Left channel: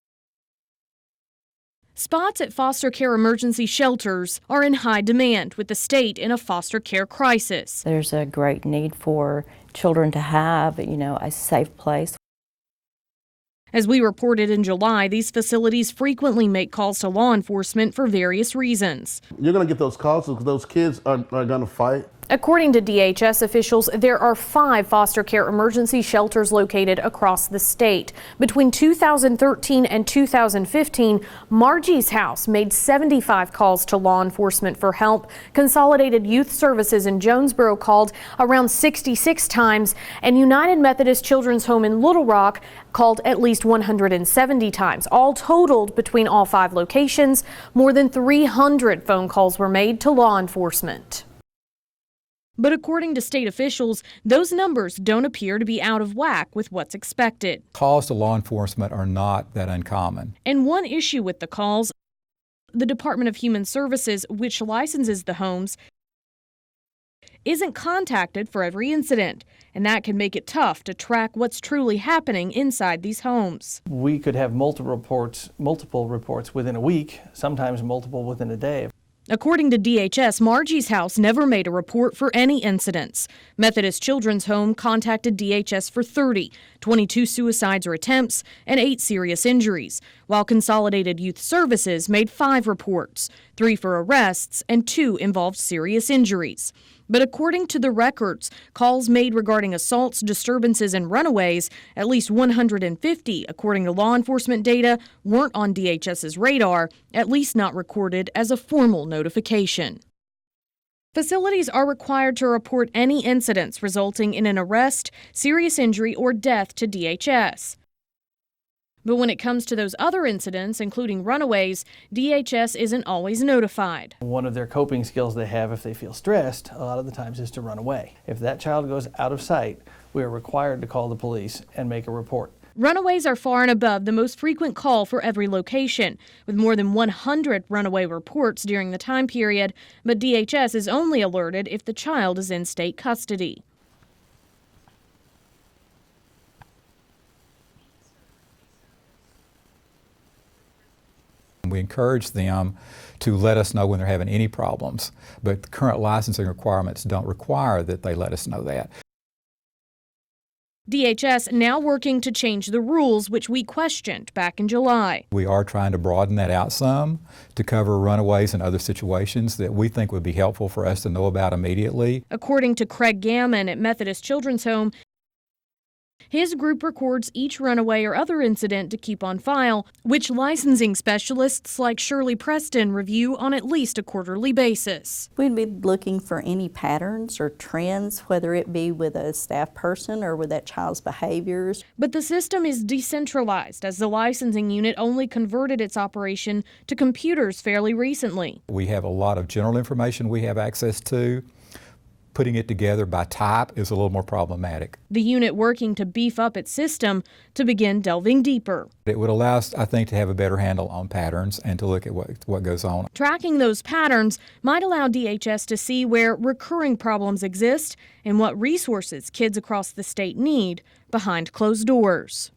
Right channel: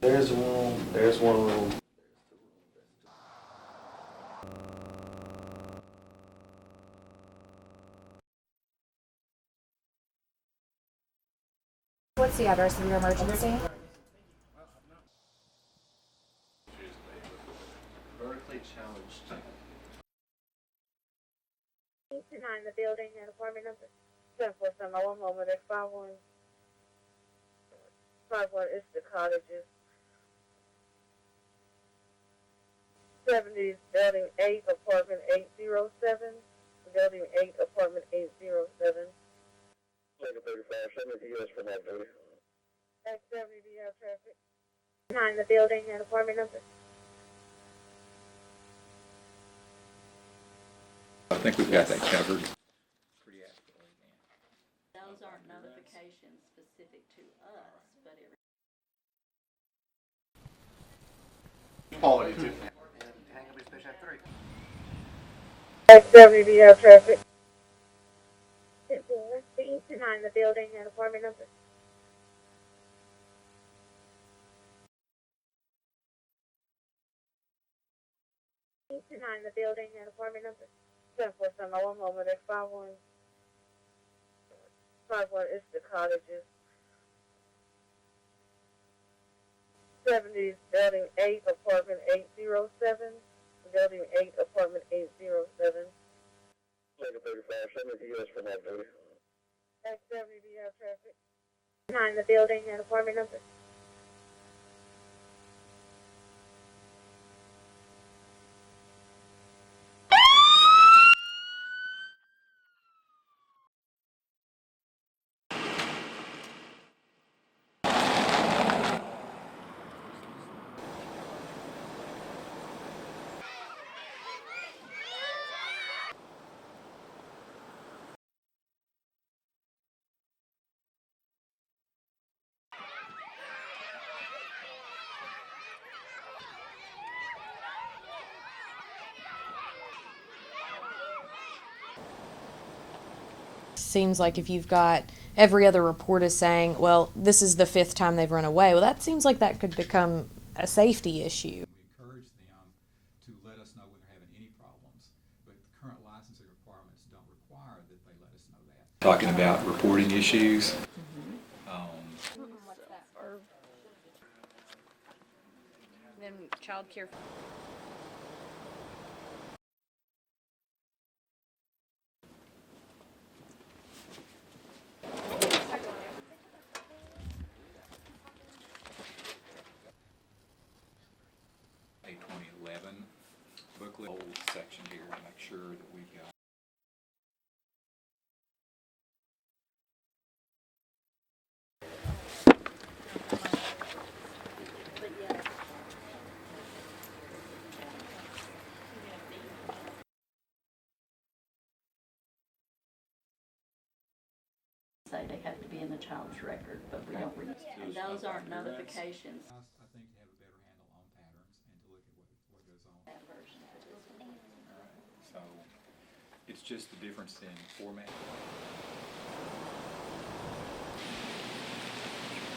There's one room. Spots at foster care emergency shelters are in high demand with the state in a foster care crisis. There's a great need for children to have, a safe place. What's the address of your emergency? As we reported in July, these facilities frequently make calls to law enforcement for various reasons. You're going to get those calls because those kids are going to fight. According to DHS officials, there are 5 foster care emergency shelters located across the state. Between 2013 and 2015, Margie's House made 75 calls to law enforcement for help. Consolidated Youth Services in Jonesboro called around 66 times, and United Methodist Children's Home in Little Rock called at least 170 times. All totaled between all 5 locations, more than 300 phone calls were made to law enforcement. I think we've got that covered. But according to state officials, those numbers don't appear to be out of whack with what's expected. Calls to law enforcement are not that uncommon. And one issue with the calls, the Department of Human Services, which licenses the homes, isn't contacted for every incident, and that can make it tough to track what's truly happening inside these homes. We could have multiple reports within a week, sometimes multiple within a day. According to DHS, Margie's House never made a report for any incidents. Methodist Children's Home contacted DHS for 30, 22 suicides or attempts, and 8 serious injuries, while Consolidated Youth Services made 5 reports, 3 for arrests and 2 involved serious injuries. But according to the records, calls made regarding assaults, disturbances, and runaways, at least 150, according to law enforcement data, weren't on DHS's radar, at least not recorded as a formal notification. Facilities are required to report any incidents resulting in an arrest, serious injury, or death to DHS. But when it comes to those other incidents, including runaways, DHS isn't always notified. One of their coping skills they have if they feel stressed, a lot of the times, is to run away. If that child goes out of sight, we are required to call the police and make a report. Runaways are far and above the most frequent call for every location, with more than 100 runaway reports during the time period, but DHS is only alerted if the child is in state custody. Seems like if you've got every other report is saying, well, this is the 5th time they've run away, well, that seems like that could become a safety issue. We encourage them to let us know when they're having any problems, but the current licensing requirements don't require that they let us know that. Talking about reporting issues. DHS now working to change the rules, which we questioned back in July. We are trying to broaden that out some to cover runaways and other situations that we think would be helpful for us to know about immediately. According to Craig Gammon at Methodist Children's Home, his group records each runaway or other incident to keep on file, which licensing specialists like Shirley Preston review on at least a quarterly basis. We'd be looking for any patterns or trends, whether it be with a staff person or with that child's behaviors. But the system is decentralized, as the licensing unit only converted its operation to computers fairly recently. We have a lot of general information we have access to. Putting it together by type is a little more problematic. The unit working to beef up its system to begin delving deeper. It would allow us, I think, to have a better handle on patterns and to look at what goes on. Tracking those patterns might allow DHS to see where recurring problems exist and what resources kids across the state need behind closed doors.